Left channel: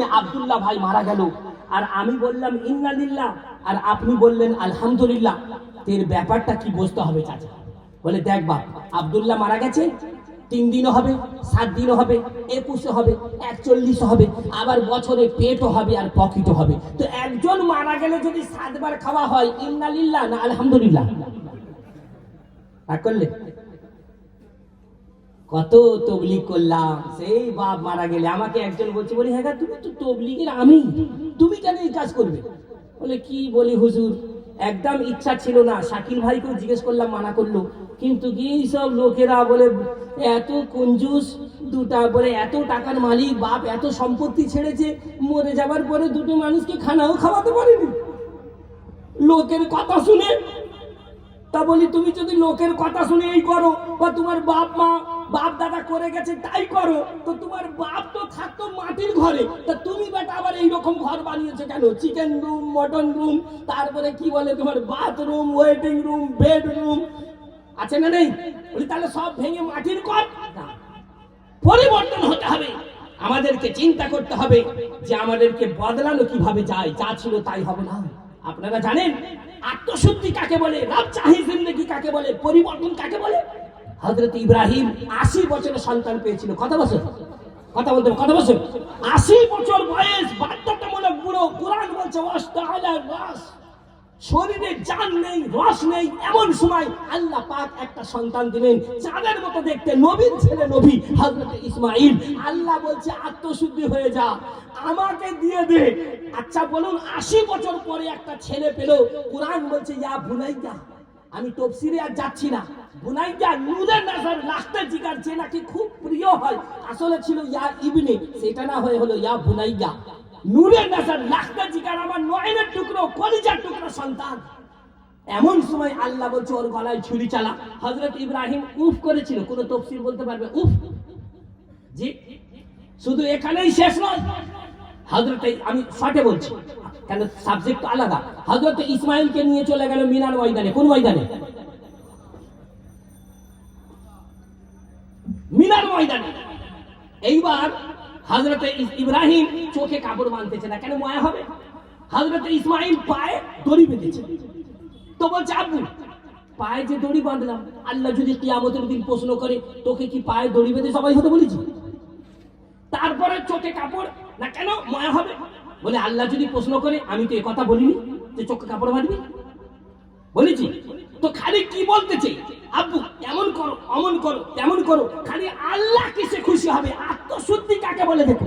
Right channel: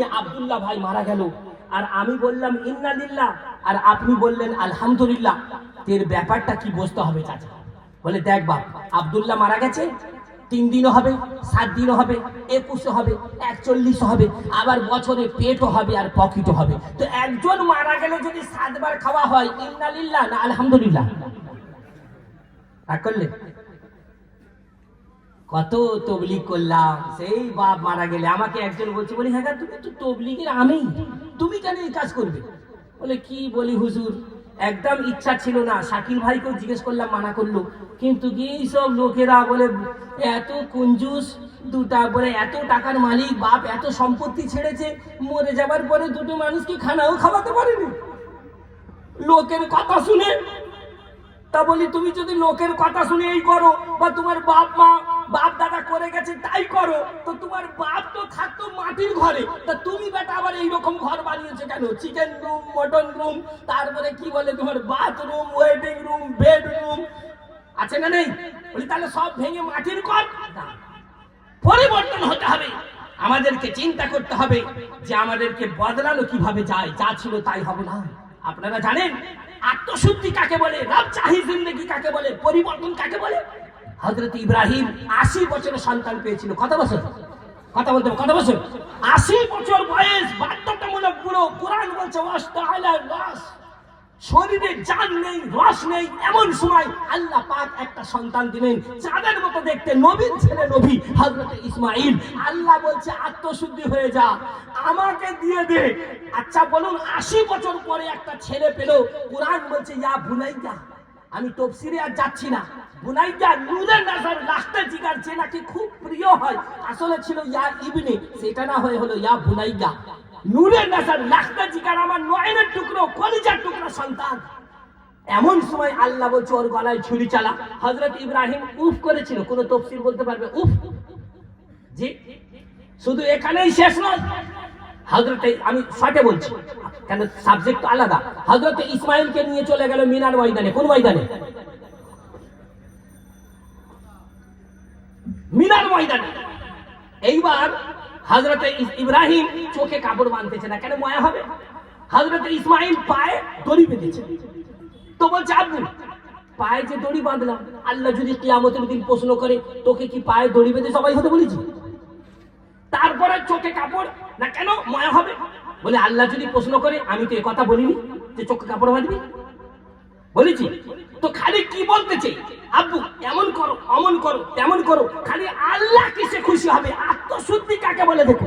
ইব্রাহিম আব্দুল্লাহ ভাই মারা গেল, আর আমি বললাম ইন্না লিল্লাহ, আর আপনি বললেন আলহামদুলিল্লাহ, এর ব্যাপারটা কি বুঝতে হবে চাচা? বলে দেখ বাপ, আব্দুল্লাহ মারা গেছে, 3 দিনও হবে, 7 দিনও হবে, 21 হবে, 41 হবে, আবার বছরে পেটও হবে আর পকেটও হবে। তো একজন মারা গেলে যদি 7 বার খাওয়া হয়, ইন্না লিল্লাহ না আলহামদুলিল্লাহ? করলে কত তবলিগ করলাম, সেই বাপ মারা গেলে আমাকে একজন বলছে, বলি হ্যাঁ তুমি তো তবলিগের আমি, তুমি কেন এই কাজ করবে? বলে কি বলি হুজুর, একদম ইচ্ছা ছিল না। শাকিল ভাইকেও জিজ্ঞেস করলাম, মানা করলো, কিন্তু কি সব লোকেরা বলে এত কঞ্জুস, দুটা বলে এত টাকার মালিক বাপ, এত সম্পত্তি ছেড়েছে, মরে যাবার পরে দুটো মানুষকে খানাও খাওয়াতে পারেনি লোকের কথা শুনে। তা বলি তুমি যদি লোকের কথা শুনে এই করো, বা তোমার বাপ মা বাপ দাদা করে গেছে তাই করো, তো তোমার বাপ তো থাকতো মাটির ঘরে, তা তুমি বেটা আবার এইরকম ঘর বানিয়েছো কেন? চিকেন রুম, মটন রুম, তারপরে কি বলে তোমার বাথরুম, ওয়েটিং রুম, বেডরুম আছে না নেই? বলি তাহলে সব ভেঙে মাটির কর। পরিবর্তন হতে হবে, আমাদেরকে চিন্তা করতে হবে যে আমাদেরকে বদলানো কিভাবে যায়, যা ছিল তাই হবে না। আপনারা জানেন আত্মশুদ্ধি কাকে বলে, রব চাহি জিন্দেগি কাকে বলে, পরিবর্তন কাকে বলে? হযরত ইব্রাহিম 80 বছরের সন্তান পেয়েছিল। কত বছর? কথা বলতে কত বছর? 80 বছর বয়স, বাধ্যতামূলক বুড়ো। কুরআন বলছে ওয়াস্তাআলা রাস, শরীরে জান নেই, রস নেই, এমন সময় আল্লাহ পাক একটা সন্তান দিলেন চাঁদের মতো দেখতে, নবীর ছেলে নবী হযরত ইসমাঈল। আল্লাহ বলছে আত্মশুদ্ধি হয়ে যা, আমাকে দিয়ে দে। আচ্ছা বলুন, 80 বছর পরে একটা ছেলে পেল। কুরআন বলছে ইয়া বুনাইয়া, আমি তাফসীরে আর যাচ্ছি না, বুনাইয়া নূরে নজর, লাস্টের জিগার যে নাকি খুব প্রিয় হয়, আসলে ছিল ইয়া ইবনে, সেটা না হয়ে হলো ইয়া বুনাইয়া। নূরে নজর, লাস্টের জিগার আমার নয়নের টুকরো, কলিজার টুকরো সন্তান। এমন সময় আল্লাহ বলছে ওর গলায় ছুরি চালা। হযরত ইব্রাহিম উফ করেছিল, কোন তাফসীর বলতে পারবে উফ? জি, শুধু এখানেই শেষ নয়। হযরত, আমি শর্টে বলছি কেন সাবজেক্ট আলাদা। হযরত ইসমাঈলকে নিয়ে চলে গেল মিনার ময়দানে। কোন ময়দানে? মিনার ময়দানে। এইবার হযরত ইব্রাহিম চোখে কাপড় বাঁধতেছে না, কেন? মায়া হবে। হযরত ইসমাঈল পায়ে দড়ি বেঁধেছে। তো বলছে আব্বু, পায়ে যে দড়ি বাঁধলাম, আল্লাহ যদি কিয়ামতের দিন প্রশ্ন করে তোকে কি পায়ে দড়ি বেঁধে সবাই হতে বলেছি? তারপরে চোখে কাপড় না, কেন? মায়া হবে। বলে আল্লাহ যদি প্রশ্ন করে, আমি তো কথা বলিনি যে চোখে কাপড় বাঁধবি, বলেছি তো। খালি কি বলতেছে, আব্বু এমন করো, অমন করো, তেমন করো, খালি আল্লাহ কিসে খুশি হবে? আত্মশুদ্ধি কাকে বলে দেখো।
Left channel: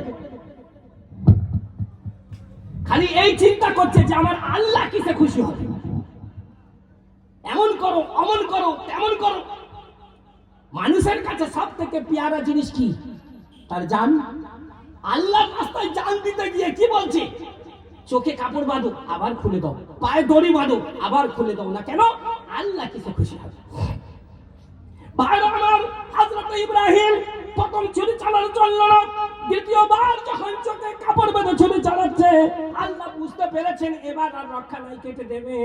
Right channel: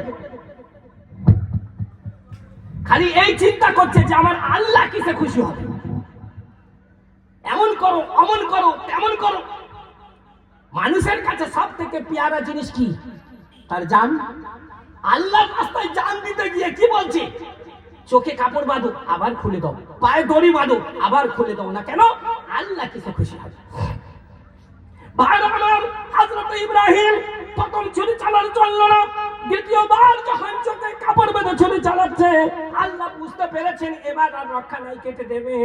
খালি এই চিন্তা করছে যে আমার আল্লাহ কিসে খুশি হবে, এমন করো, অমন করো, তেমন করো। মানুষের কাছে সব থেকে পেয়ারা জিনিস কি? তার জান। আল্লাহর রাস্তায় জান দিতে গিয়ে কি বলছে? চোখে কাপড় বাঁধো, আবার খুলে দাও, পায়ে দড়ি বাঁধো, আবার খুলে দাও না, কেন? আল্লাহ কিসে খুশি হবে? ভাইরা আমার, হযরত ইব্রাহিম প্রথম ছুরি চালানো চললো না, দ্বিতীয়বার যখন চোখে কাপড় বেঁধে ছুরি চালাচ্ছে, আল্লাহ বুঝতে পেরেছেন এবার আর রক্ষা নাই, কেটে দেবে।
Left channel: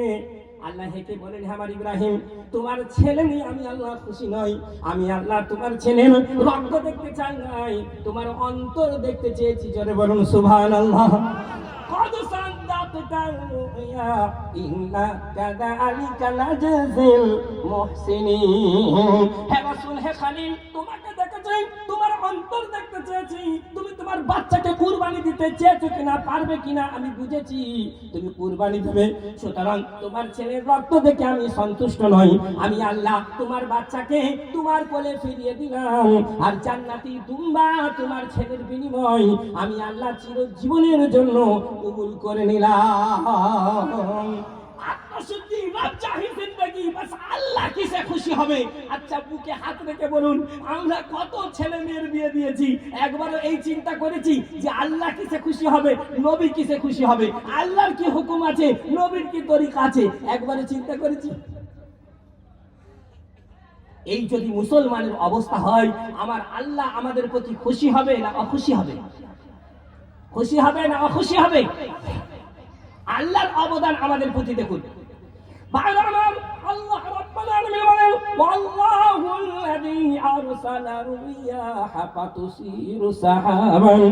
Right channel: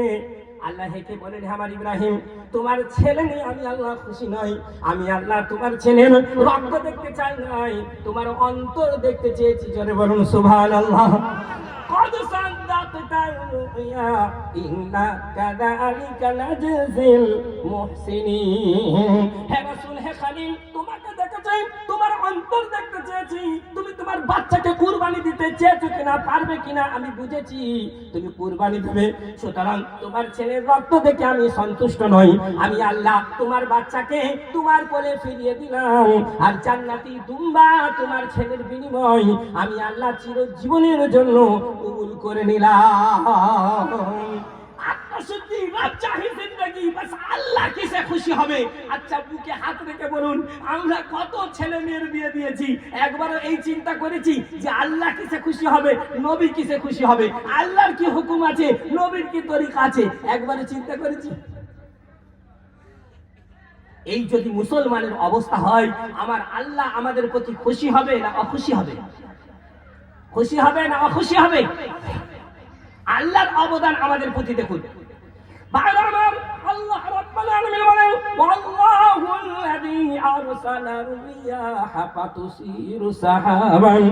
আল্লাহ হেঁটে বলেন, আমার ইব্রাহিম, তোমার ছেলে নিয়ে আমি আল্লাহ খুশি নই। আমি আল্লাহ তোমার ছেলের রক্ত দেখতে চাই নাই, তোমার অন্তর দেখতে চেয়েছি। জোরে বলুন সুবহানাল্লাহ। قد صدقت الرؤيا إنا كذلك نجزي المحسنين। হে রাসূল, হে খলিল, তোমাকে দেখতে চাই, তোমার অন্তর দেখতে চেয়েছি। তুমি তোমার বাচ্চাকে কুরবানি দিতে চেয়েছো কিনা, পারবে কিনা আমি বুঝেছি তুমি কুরবানি দেবে। সুতরাং তোমার ছেলের রক্ত দেখে আমি সন্তুষ্ট নই। আমি আল্লাহ তোমার বাচ্চাকে তোমার কোলে ফিরিয়ে দিলাম, আর জান্নাতি দুম্বা তোমার ছেলের বিনিময় আমি আল্লাহ চিরজীবনের জন্য কবুল করে নিলাম। আত্মশুদ্ধি, রব চাহি জিন্দেগি, বাস আল্লাহ কিসে খুশি হবে? আচ্ছা বুকে হাত রেখে বলুন, আমরা কত ছেলে মেয়ের বিয়ে দিয়েছি, একবারও এই চিন্তা করেছি যে আল্লাহ কিসে খুশি হবে, নবী কিসে খুশি হবে, আল্লাহর কি হুকুম আছে, নবীর কি তরিকা আছে? একবারও চিন্তা করেছি? এই যদি মুসলমানের অবস্থা হয়, আমার আল্লাহ আমাদের প্রতি খুশি হবে না অখুশি হবে? খুশি হবে না অখুশি হবে? আল্লাহর অবদান আমাদের প্রতি দেখুন। আল্লাহ রাব্বুল আলামিন বলেন ওয়াল্লাহুল্লাযী আরসালা রিয়াহা ফাতুসিরু সাহাবান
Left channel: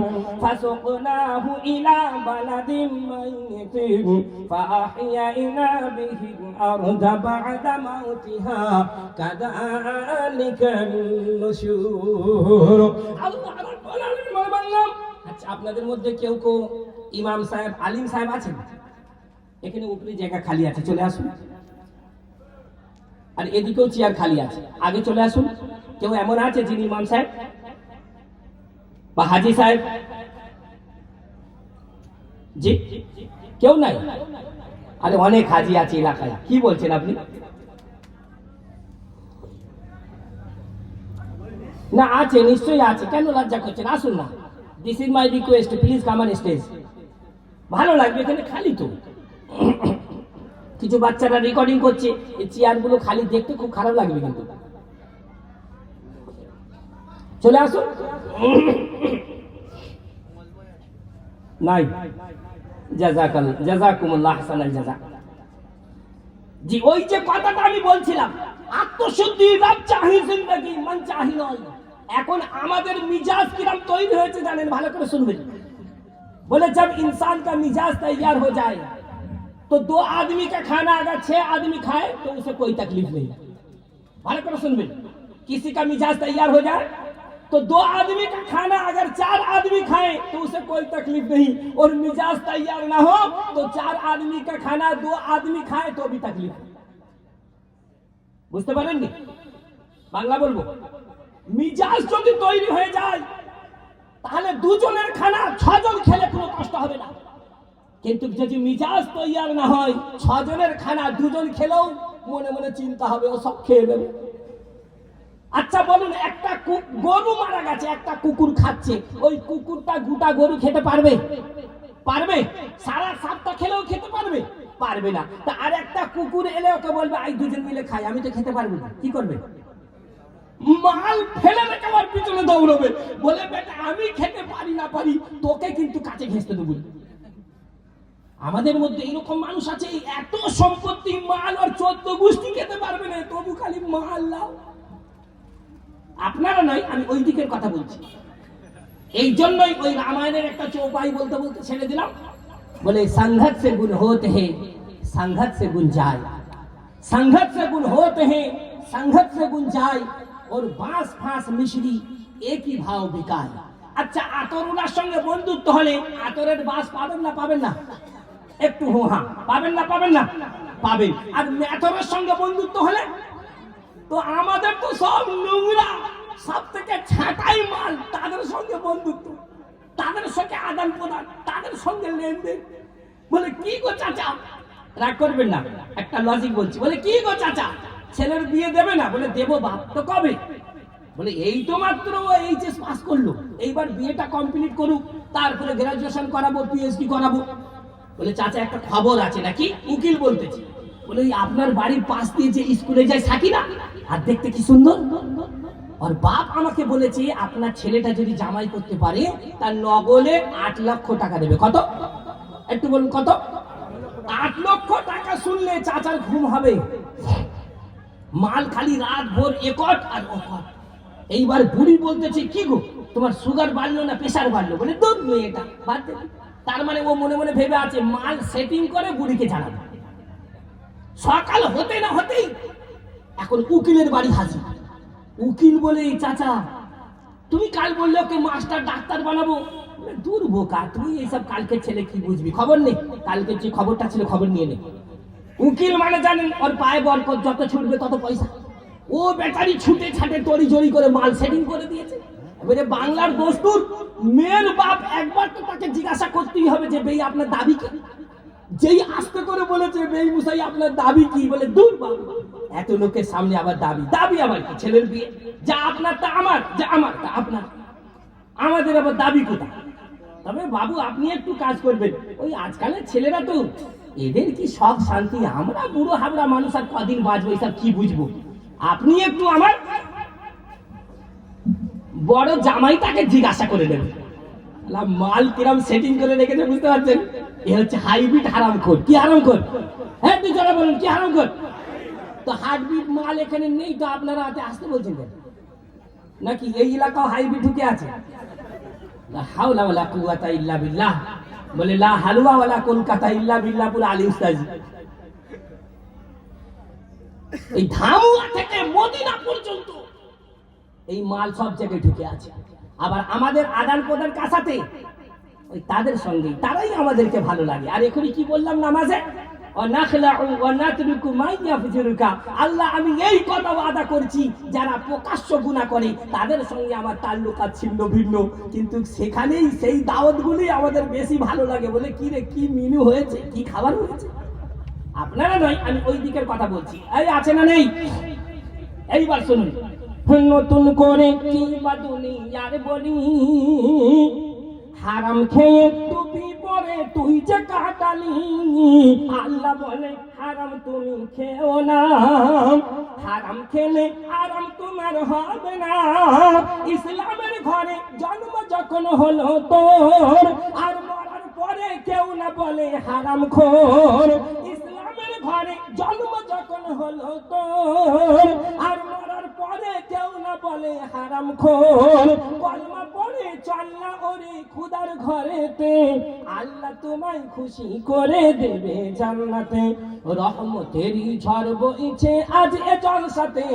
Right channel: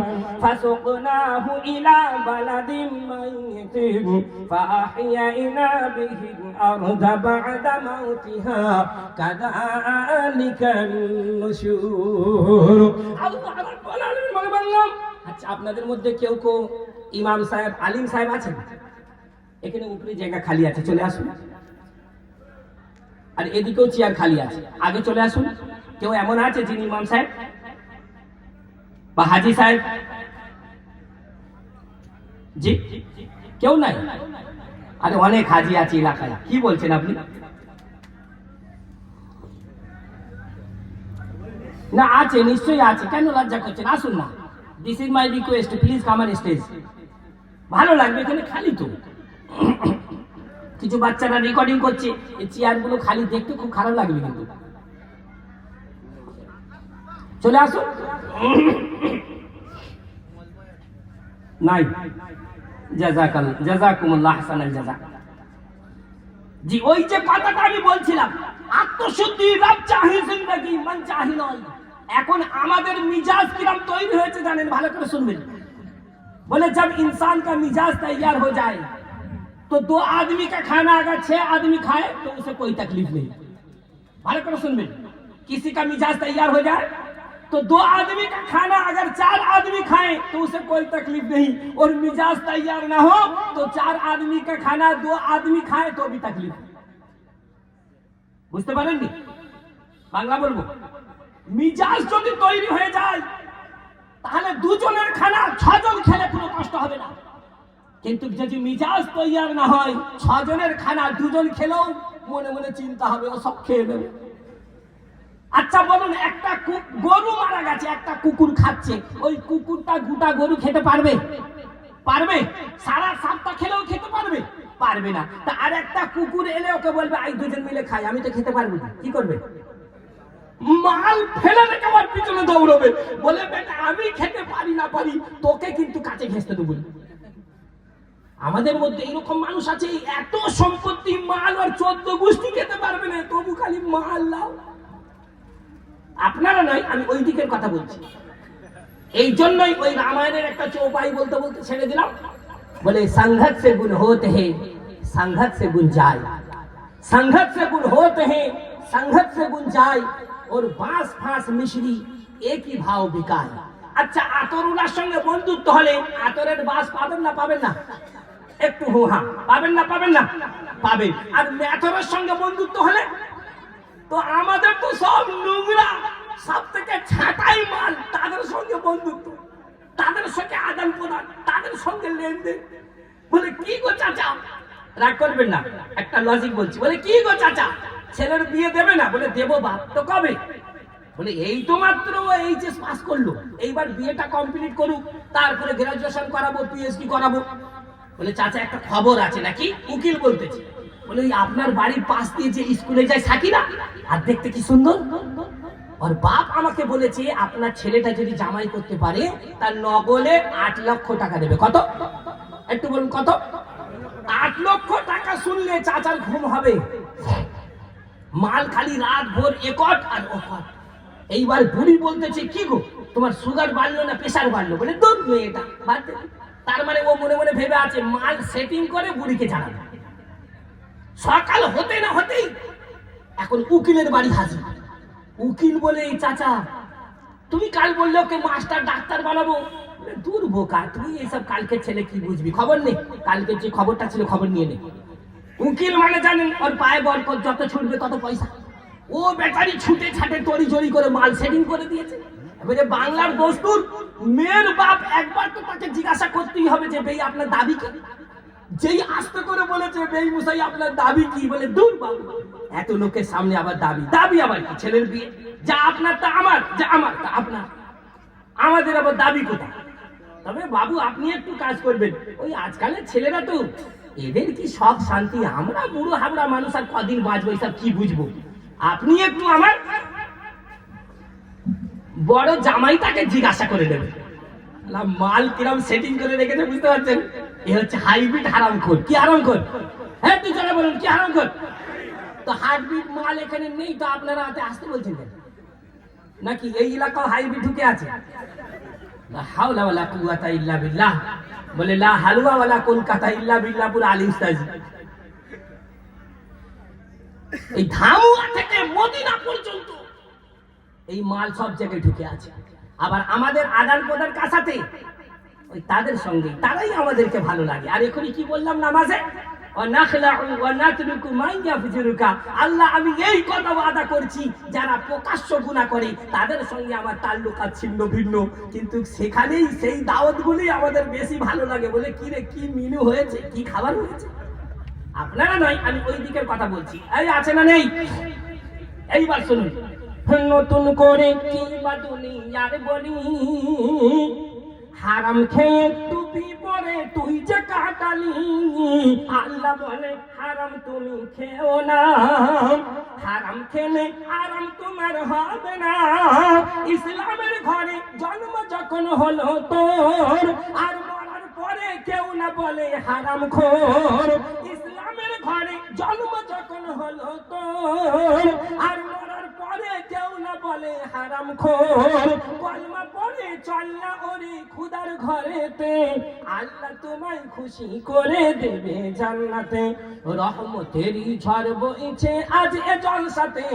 ফাসুকনাহু ইলা বালাদিন মাইয়িতিন ফাআহইয়ানা বিহিল আরদা বা'দা মাউতিহা কাযালিকান নুশুর। আল্লাহ রাব্বুল আলামিন বলেন, আচ্ছা আপনাদের মধ্যে কেউ কেউ ইমাম সাহেব, আলিম সাহেব আছেন? এখানে উপরে জায়গা খালি আছে, চলে আসুন। আর এদিকেও চেয়ার খালি আছে, আগে চলে আসুন। কেউ এমন আছে যিনি ইমাম সাহেব বা হাজি সাহেব? জি, কেউ নাই? আরে অনেক হাজি আছে এলাকায়, কি বলছেন আপনি? না আছে, নিশ্চয়ই আছে, কেন লজ্জা করছেন? আসুন না, this is my request, please come on stage. ভালো লাগবে, এখানে খালি তো। কিছু বাচ্চারা রেকর্ডিং করছে, এই চেয়ারগুলো খালি দেখতে খুব খারাপ লাগবে কিন্তু। চলে আসুন। নাই, জাযাকুমুল্লাহ আহসানাল জাযা। জি, ওই যে কথাটা আমি বলছিলাম, আত্মশুদ্ধি রব চাহি জিন্দেগি মান চাহি নয়। এখন আমাদের মিজাজ কিরম তৈরি হয়েছে জানেন? ভালো করে শুনবেন। बोले जब इंसान का मिजाज तैयार हो जाए तो 2 आदमी का खाना अगर 6 आदमी खाए तो उसे कोई तकलीफ नहीं। भालो करो सुनबे, किसी का मिजाज तैयार हो जाए तो 2 आदमी का खाना अगर 4 आदमी खाए तो उसे कोई तकलीफ नहीं, और मिजाज तैयार ना हो तो 4 आदमी का खाना 2 आदमी खाए तो भी तकलीफ। বুঝতে পারেননি? বাংলা বলবো, মিজাজ যদি তৈরি হয়ে যায় তাহলে দুজনের খানা 6 জন খেলে কোনো কষ্ট হবে না, কিন্তু যদি মিজাজ তৈয়ার না হয় 6 জনের খানা 2 জন খেলেও মনে মনে চিন্তা হবে ও সব খেয়ে নেবে। আচ্ছা বলুন, একটা গরু মারা গেছে, একটা কুকুর খাচ্ছে, ওই কুকুরটা গোটা গরু খেতে পারবে? পারবে? সারা সপ্তাহ খেলেও খেতে পারবে? পারবে না। তা আর একটা কুকুর এলে ওকে বলবে আই দুজন মিলে খাই, আমি তো খেতে পারবো না, কি করবে? মাল ফেলে রেখে আমার পিছনে দৌড়বে, বলে বেটা আমি খেতে পারি না পারি, তোকে কিন্তু কাছে ঘেঁষতে দেবো। আমাদের মধ্যে এরকম মানুষ আছে, এত সম্পত্তি, মাল আর 14 গোষ্ঠী খেতে পারবে না, তবু খালি মাল লাও। আপনারা নয়, আমি ওই দিকের কথা বলছি। এই জন্যই ওই রামায়ণের একটা চৌপাই বলতে বলতে ছেড়ে দিলাম। বলে সংঘত সে গুণ होते हैं संघत से गुण जाए, संघत से गुण होते हैं संघत से गुण जाए, और बांस फांस मिश्री एक ही भाव बिकाए। আচ্ছা, আতরুলার সঙ্গে বন্ধুত্ব হলে আতরের বাস পাবেন না পাবেন না? একটু হ্যাঁ, পাবেন না পাবেন না? পাবেন। আর মেথরের সঙ্গে বন্ধুত্ব হলে তো আমাদের তো সব নোংরা, সব থেকে ছাঁটাই মাল, তাদের সঙ্গে বন্ধুত্ব, তাদের সঙ্গে আদান প্রদান, তাদের সঙ্গে লেনদেন। বলে কি গো চাচা, রাগ করবেন না, একটা লজিক বলছি। বলে কি গো চাচা, ছেলের বিয়ে দেবে না? বলে দেবো বাপ, তো কবে? বলে এই তো মাত্র এইচএস পাস করলো, এইবার বিয়েটা কমপ্লিট করুক, তারপরে গ্রাজুয়েশন করাবো, পিএইচডি করাবো। বলে চাচা একটা খবর আছে নাকি? উকিল বলতেছি। বলে আপনার বাড়ির পাশ দিয়ে যে স্কুলে যায় সাকিনা, আর দেখতে কি সুন্দর, আর বাপ আমাকে বলেছে আপনার ছেলেটা যদি জামাই করতে পারে তার নগলে 8 লক্ষ টাকা দেবে। কত? একটু বলুন কত? 8 লক্ষ টাকা শুনলে চাচার ঘুম হবে, মাল খালি রাত ভোর একট আর অকট। এইবার বুড়ি বলতেছে কি গো তোমার সুগার বাড়লো না প্রেসার বাড়লো? বলে দুধ মেয়েটা বাড়তে। তার মানে ও মনে মনে ভেবে আছে মাল সেটিং করে বুড়িকে জানাবে। সকাল হতে না হতেই এখন উকিলের বাড়ি হাজির। উকিল বলে চাচা তুমি কাল বললে ওকে মাস্টার ডাক্তার বানাবো। দূর বোকা, তুই এইসব কালকে ছেলে কি বুঝবি, খবর নেই, কালকে যে খবরটা ছিল খবর নিয়ে নে। উকিল মানে জানেন ওর পায়ে বরকত, যত ছুটবে তত পয়সা। ও বেচারি ছুটে ছাটে তড়ি জড়ি করে মাল সেটিং করে দিয়েছে। এবারে বাংলার দস্তুর, মেয়ের বাপ একবার তো তাকে জিজ্ঞাসা করতেই হবে যে বেই আপনার দাবি কি। যেই আস্তে করে বলেছে বেই মুসাই আপনার দাবি কি, বলে দূর বাবু, এত লোকের সামনে আবার দাবি, দাবি আবার কি? ছেলের বিয়ে, যা আপনার তা আমার, যা আমার তা আপনার, আমাদের আবার দাবি কোথায়? তবে বাবু আপনি একটু কাজ করবেন, ওই আজকালের ছেলেরা তো এদের কি সব শান্তি, আমরা বুড়ো হাবড়া মানুষ আর কদিন বাঁচবো, এসব কি বুঝবো। আপনি একটু আমার বড় জামাইটাকে জিজ্ঞাসা করে নেবেন মাল কিরম সেটিং করে রেখেছে, বুঝতে পারছেন? এ হচ্ছে হাইব্রিড হারামখোর। কি হারামখোর? হ্যাঁ তুই যারা বলুন কি হারামখোর? তো হাইব্রিড মাল এখানে নেই, তো আপনারা হাতে আসতে বলছেন কেন? নাকি এই এলাকাও হাইব্রিড ঢুকে আছে? লা হাওলা ওয়ালা কুওয়াতা ইল্লা বিল্লাহ, বলে লা হালুয়া ওয়ালা কলকাতা ইল্লা বিল্লাহ পুরো আলী উস্তাদ। এই ধামুয়া থেকে মদিনা পর্যন্ত এই মাল সব জায়গায় ঢুকে আছে। আবার আমাদের আদান প্রদান কাছাতে ওই তাদের সঙ্গে, তারাই আমাদেরকে ভালো লাগে। আর এখনই কি বললাম নামাজে, আল্লাহ আমি এই কথা ওয়াদা করছি, যারা প্রকাশ্য গুনাহ করে তাদের সঙ্গে আমার তাল্লুকাত ছিন্ন ভিন্ন, কিন্তু সেখানেই সেই দাওয়াতগুলি আমাদের বেশি ভালো লাগে। বলে কি রে, কি মেনু হয়েছে, কি খাবার হয়েছে। আপনারা নয়, আমি ওই দিকের কথা বলছি। এই আছে না নেই? এইবার শুনুন, নতুন করে কি বা দুনিয়ার বলি, হারাম খেয়ে টুপি পরে তুই যে কাটালি, আল্লাহ বলে হারাম তুমি খেও না, হারাম খেলে হারাম তোমার হবে না। ইসলামের ঘরে জন্ম যখন হলো তোর, আর মরার পরে কেউ না বলে হারাম খোর। ইসলামের ঘরে জন্ম যখন হলো তোর, আর মরার পরে কেউ না বলে হারাম খোর। কলমা পড়ে চল না ওরে খুদার ঘরেতে, আল্লাহ তোমায় খুশি করে দেবে জান্নাতে। রহমতেরই ঝড় বইছে আজ এ জলসাতে,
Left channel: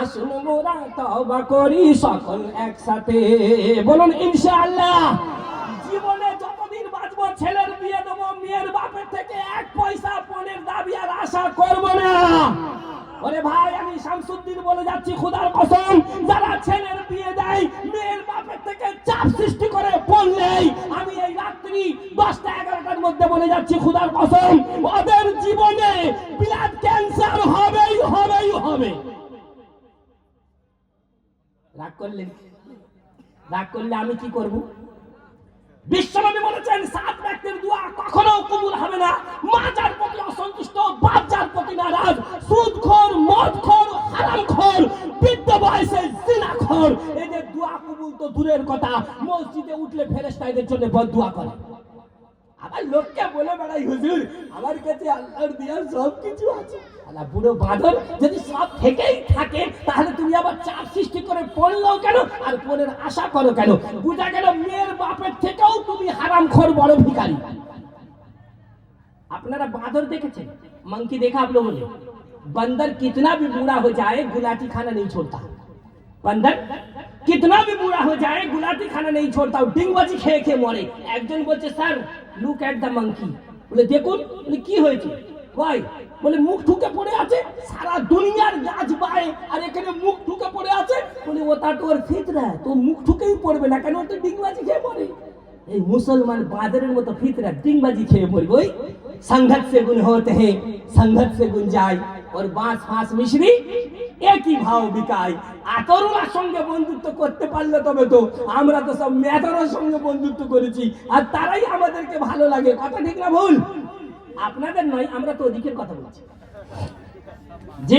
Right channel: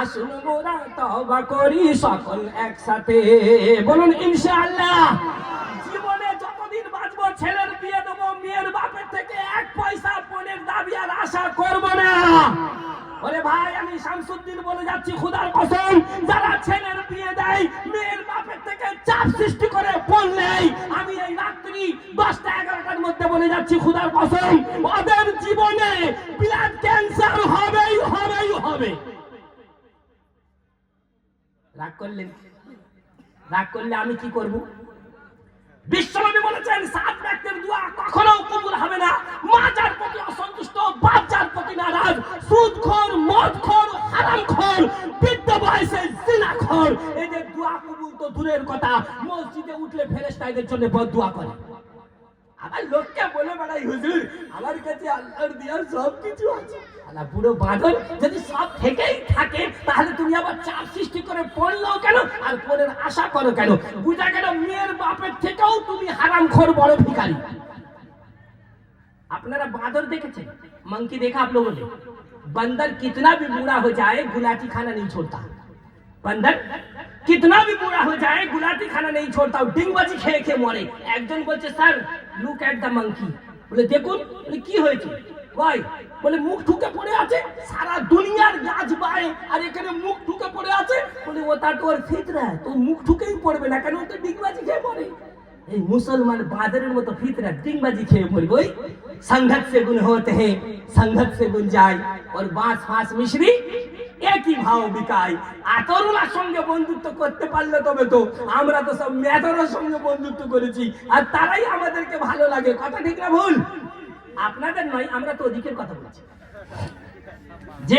আসুন মোরা তওবা করি সকল একসাথে। বলুন ইনশাআল্লাহ। জীবনে যতদিন বাঁচবো ছেলের বিয়ে দেবো, মেয়ের বাপের থেকে এক পয়সা পণের দাবি আর আশা করব না। বলে ভাই আমি শামসুদ্দিন বলে যাচ্ছি খোদার কসম, যারা ছেলের বিয়ে দেয় মেয়ের বাপের থেকে চাপ সৃষ্টি করে পড়লেই, আমি এই রাত্রি 10টা 11টার মধ্যে বলে যাচ্ছি খোদার কসম, ওদের জীবনে ব্লাড ক্যান্সার হবেই হবেই হবে। রাগ করলে আমি কি করব? বিশ্বনবী বলেছেন 7 ব্যক্তির দোয়া কখনো কবুল হবে না। মা যার প্রতি অসন্তুষ্ট, বাপ যার প্রতি নারাজ, সুদখোর, মদখোর, হারামখোর, বৃদ্ধ বয়সে জিনাখোর, এদের দোয়া কবুল তো দূরের কথা, মসজিদে উঠলে ফেরেশতা এদের জন্য বদদোয়া করে। আবার লোককে বলে বেড়াই হুজুর আমার কাছে আল্লাহর দেওয়া সব কিছু আছে। আল্লাহ বুড়ো বাঁদর, যদি সব থেকেই থাকে তাহলে তুমি আবার চাপ সৃষ্টি করে পড়লো কেন, আর পরের আশা করো কেন? বুঝা গেল মেয়ের বাপের থেকেও তুমি হারামখোর বড় ভিখারি। আপনারা বাঁদর দেখেছেন? मंकी देखा आप लोगों ने? बंदर कितना भी बूढ़ा हो जाए गुलाटी खाना नहीं छोड़ता। बंदर कितना भी बूढ़ा हो जाए गुलाटी खाना नहीं छोड़ता, डिंगबाजी খেয়ে খেয়ে মরে। একজন বলছে sir look at the monkey. বলে দেখুন। বলে কি হয়েছে? কই বলে মুখ ঠুকে পড়ে আছে, সারা দুনিয়ার গাছ বায়ে আর এখানে মুখ ঠুকে পড়ে আছে। বলে ওটা তো ওর ফিতরা, তো মুখ ঠুকেই পড়বে না কেন? তো ডিংবাজি খেয়ে পড়ে। এই মুসলমান বাদরের মতো ফিতরা, ডিংবাজি খেয়ে পড়বে। ওই संघर्ष से गुण होते हैं, संघर्ष से गुण जाए, और बांस फांस मिश्री एक ही भाव बिकाय। আতরুলার সঙ্গে বন্ধুত্ব করতে পারলে তবে তো, আমরা তো সব মেয়েদের সঙ্গে বন্ধুত্ব করেছি আর তারাই আমাদেরকে ভালো লাগে। কথা ঠিক না ভুল? আপনাদের নয়, আমরা তো ওদিকের কথা বলছি। যে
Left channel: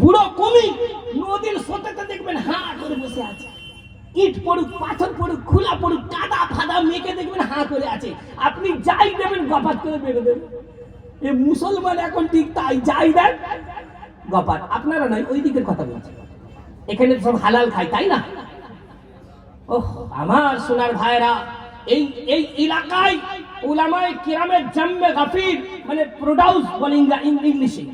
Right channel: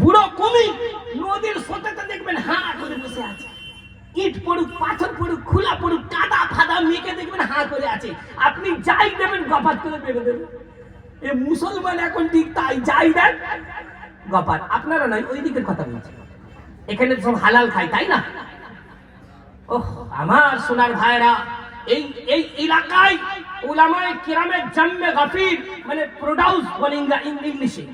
বুড়ো কুমির নদীর স্রোতেতে দেখবেন হা করে বসে আছে, ইট পড়ুক, পাথর পড়ুক, খোলা পড়ুক, কাদা ফাদা মেঘে দেখবেন হা করে আছে। আপনি যাই দেবেন গপাত করে বেড়ে দেবেন। এ মুসলমান এখন ঠিক তাই, যাই দেন গপাত। আপনারা নয়, ওই দিকের কথা বলছি। এখানে সব হালাল খায়, তাই না? ওহ আমার সোনার ভাইরা, এই এই এলাকায় উলামায়ে কিরামের জন্মে গাফির, মানে প্রোডিউস বলে ইংলিশে।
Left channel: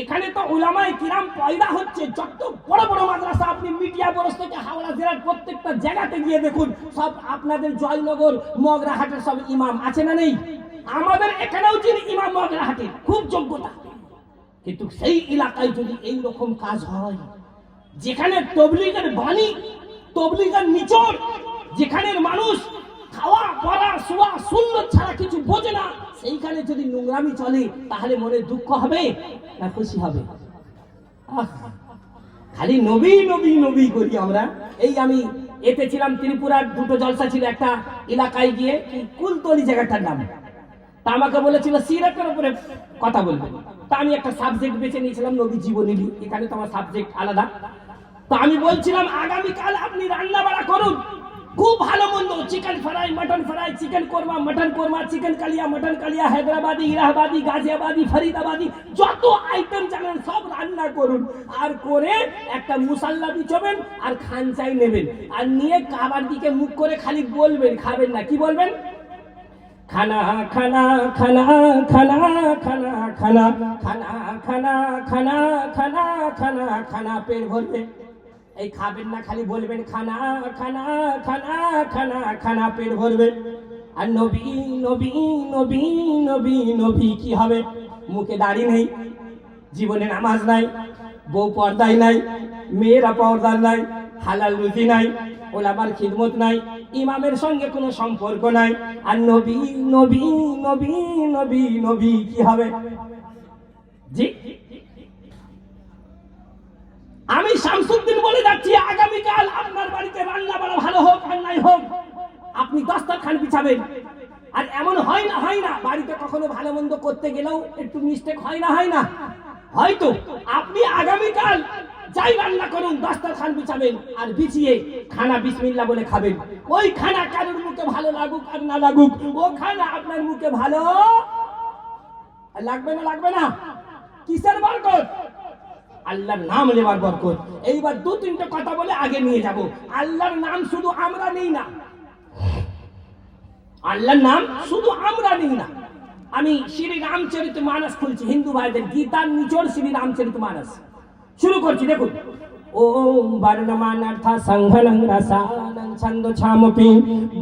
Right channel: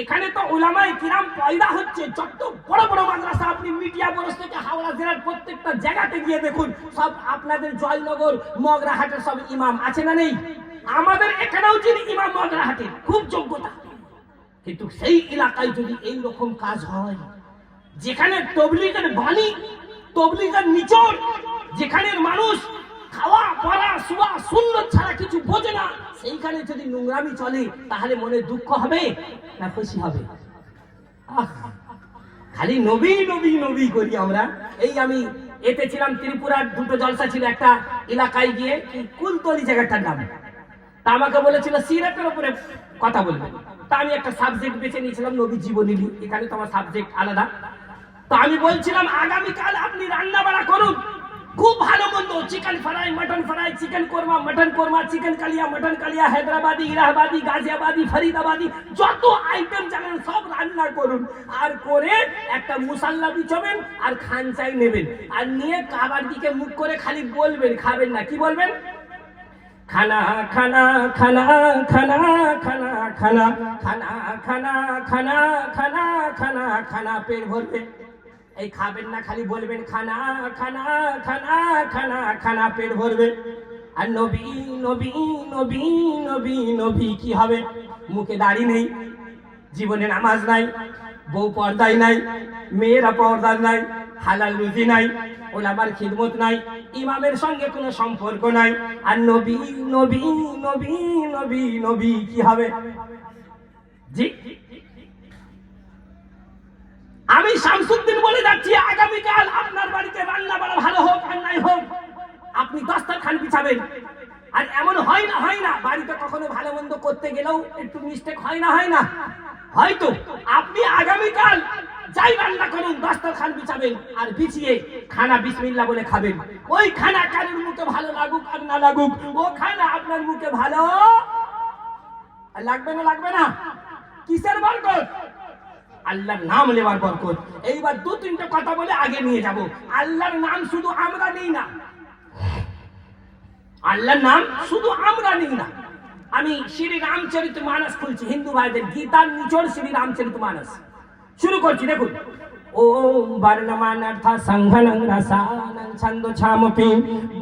এখানে তো উলামায়ে কিরাম পয়দা হচ্ছে। যত বড় বড় মাদ্রাসা আপনি মিডিয়া বরস থেকে হাওড়া জেলার প্রত্যেকটা জায়গাতে গিয়ে দেখুন, সব আপনাদের জয়নগর মগরাহাটের সব ইমাম আছে না নেই? আমাদের এখানেও যিনি ইমাম মগরাহাটের, খুব যোগ্যতা। কিন্তু সেই এলাকায় যদি এই রকম কাজ হয়, যেখানে তবলিগের বাণী, তবলিগের নিচড়, যেখানে মানুষ খাওয়া পড়া শোয়া সুন্নত ছাড়া কিছু বোঝে না, সেইখানে যদি নোংরামি চলে তাহলে মনে দুঃখ হবে না খুশি হবে? খালি নবী নবী নবী করি আমরা। এই আমি এতে ছিলাম, ত্রিপুরার দুটো জলসা ছিল, একটা এলাকায় গিয়ে কুলতলি জায়গাটার নাম, তা আমাকে বলেছিল সিরাতের উপরে কথা বলবে। তা আমি একটা সাবজেক্ট বেছে নিয়েছিলাম নবী জীবনী। এখানে তো আমার সাবজেক্ট আলাদা। তো আমি বলছিলাম আগামীকাল আপনি রান্না বাড়া করুন, খুব ভালো মন্দ, chicken fry, mutton fry, chicken korma, mutton korma, chicken kalia, mutton kalia, হায়দ্রাবাদি, ইলাহাবাদি, গাজিয়াবাদি, ফরিদাবাদি, যত আইটেম জানেন সব রান্না করুন। আর করে একটা মুসাল্লা বিছাবেন আর খানচাই নেবেন, আর নিয়ে কাবার দিকে মুখ করে খালি বলবেন, খাবেন না, কি বলবেন? খানা খানা খানা খানা খানা খানা খানা খানা খানা খানা খানা খানা, পেট ভরবে। এই খাবেন না, খালি বলবেন খানা খানা খানা খানা খানা, পেট ভরবে। আর নবী নবী নবী নবী নবী কি হবে? মুখে দাড়ি নেই, জীবনে নামাজ নাই, বউ পর্দায় নাই, মেয়েরা পর্দার নাই, হালাল রুজি নাই, ওলামার খিদমত নাই, ইমামের সঙ্গে কোনো সম্পর্ক নাই। আর নবী নবী নবী নবী নবী কি হবে? জি, আমি শামসুদ্দিন বলে যাচ্ছি, আগামীকাল আপনার বাড়িতে রান্না বাড়া ভালো হোক আর নাই হোক, আপনি দস্তরখান বিছাবেন। আর এমন হয় না বাড়িতে কখনো ভালো মন্দ করতে গেলেও একটু মিস্টেক হয় না, হয়তো আপনি আগামীকাল যাই রান্না করুন দস্তরখান বিছাবেন, আর বিছিয়ে খানা বিসমিল্লাহ বলে খাবেন। ওই খানা কারোর মুখে ভালো লাগুক আর না লাগুক, ও খানা আপনার মুখে ভালো লাগবে না। কিসের বরকত? আল্লাহর নাম নেওয়ার বরকত। এইবার দু তিনটা কথা বলে আগে নিয়ে যাব। আল্লাহর নাম শুধু আমরা নেই না, আল্লাহর নাম শুধু আমরা নিই না। আমি শ্রী রামচরিত মানস খুলছি, হিন্দু ভাইদের গীতার নিচড় শ্রী রামচরিত মানস শুরু করছি। দেখুন, ওম বর্ণমানার্থ সংঘনং রসানং ছন্দোছামপি,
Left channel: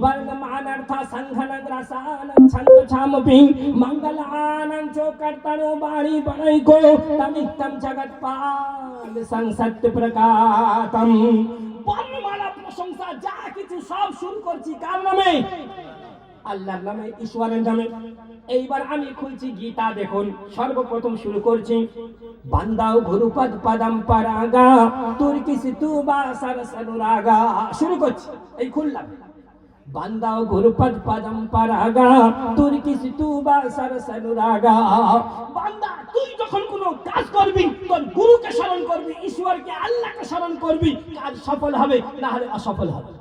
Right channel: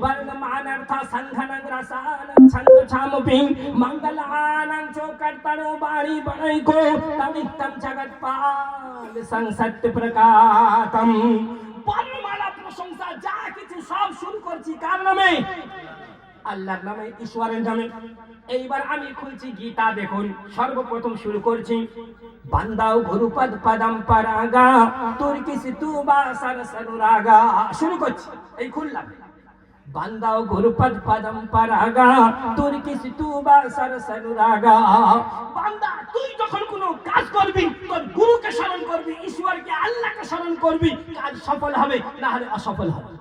বর্ণমানার্থ সংঘনং রসানং ছন্দোছামপি, মঙ্গলানং চ কর্তনো বাণী বনৈকো তমিত্তম জগৎপাল সংসত্য প্রকাতম। বর্ণমালা প্রশংসা যা কিছু সব শুরু করছি কার নামে? আল্লাহর নামে, ঈশ্বরের নামে। এইবার আমি খুলছি গীতা। দেখুন, সর্বপ্রথম শুরু করছি, বান্দাও গুরুপদ পদম পরাগা তোর কিসি তু বা সরসনুরাগা। শুরু করছি, এই খুললাম, বান্দাও গুরুপদ পদম পরাগা তোর কিসি তু বা সরসনুরাগা। বান্দা, তুই যখন কোনো কাজ করবি তোর গুরুকে স্মরণ করবি, ঈশ্বরকে, আল্লাহকে স্মরণ করবি, কাজ সফল হবে, না হলে অসফল হবে।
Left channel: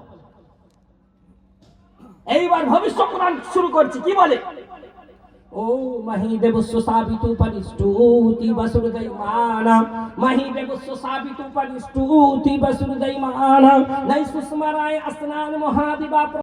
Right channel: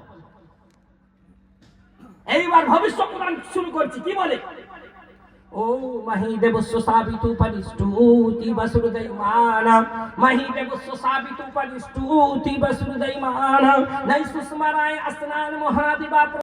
এইবার ভবিষ্যৎবাণী শুরু করছি, কি বলে? ও মহিদেবস্য সাবিতু পরিষ্টুতি বসুদেবানা, মহিদেবস্য সাবিতু পরিষ্টুতি বসুদেবানা, নাই সুস্মরায় আসনান মহাদিবা।